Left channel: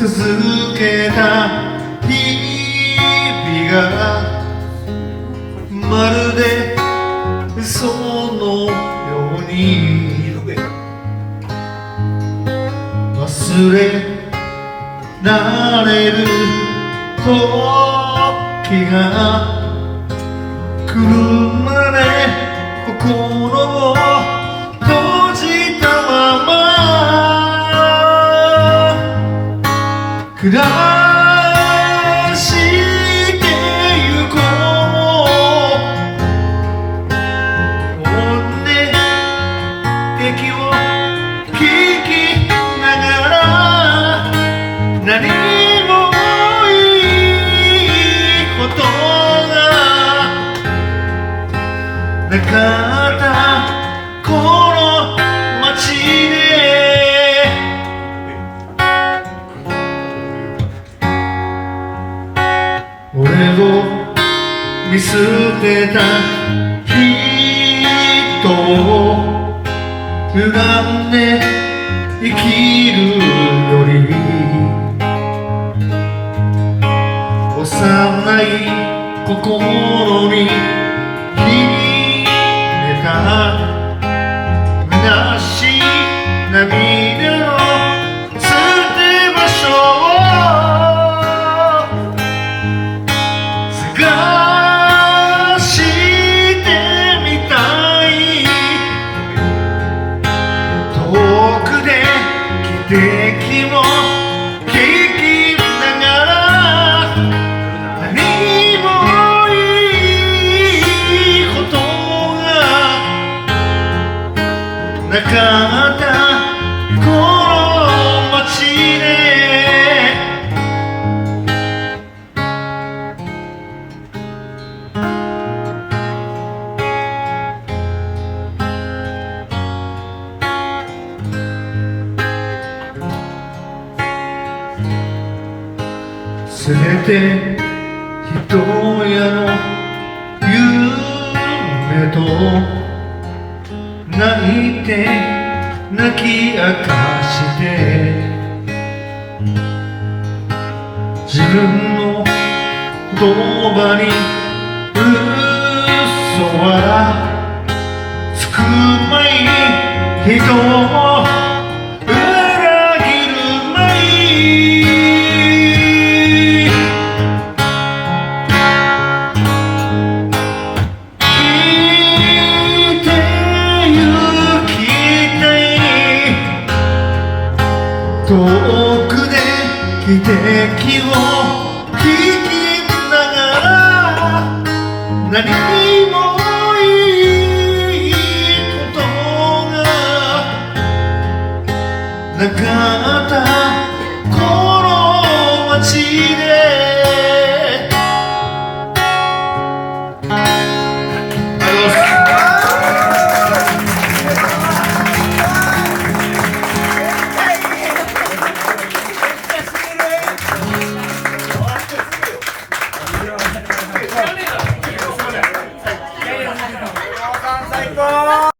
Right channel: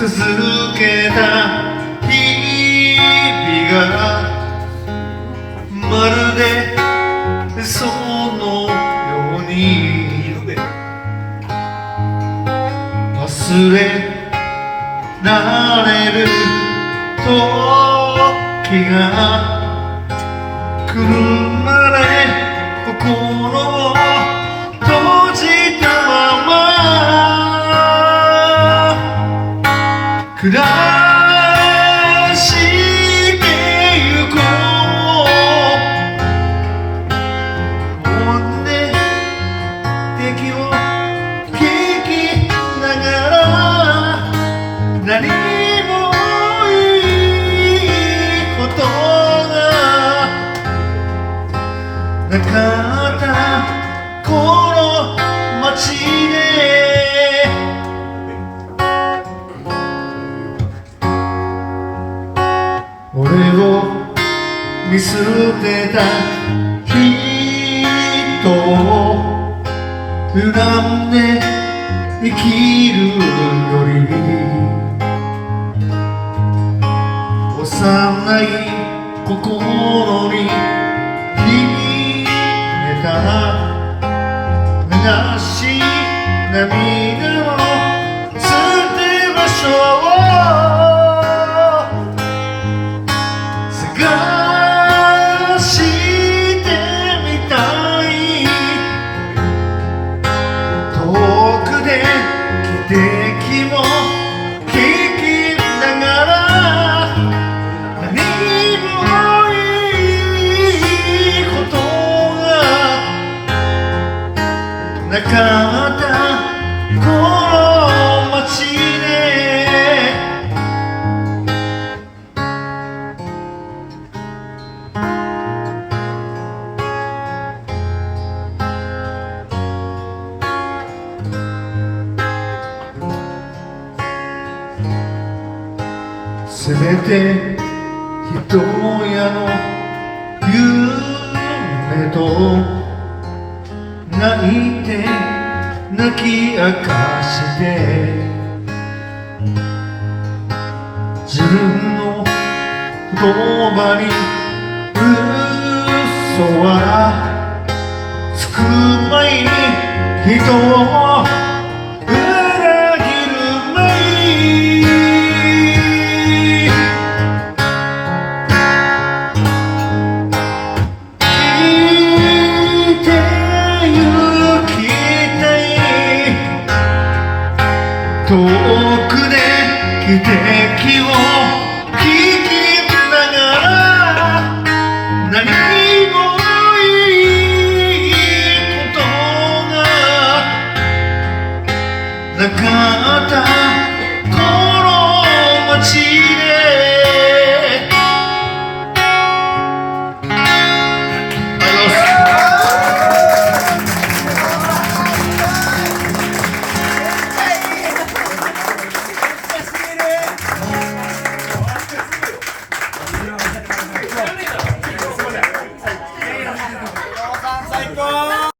続けた日々がまるでそのように忘れられる時が来るまで心を閉じたまま暮らしてゆこう本音敵を聞きながら何もいいことがなかったこの街で俺を見捨てた人を恨んで生きるより幼い心に秘めた虚しい涙の捨て場所を探してみたい遠くで汽笛を聞きながら何もいいことがなかったこの街ですべて人やの夢と泣いて泣き明かして自分の言葉に嘘はつくまい人を裏切るまい遠くで汽笛を聞きながら何もいいことがなかったこの街で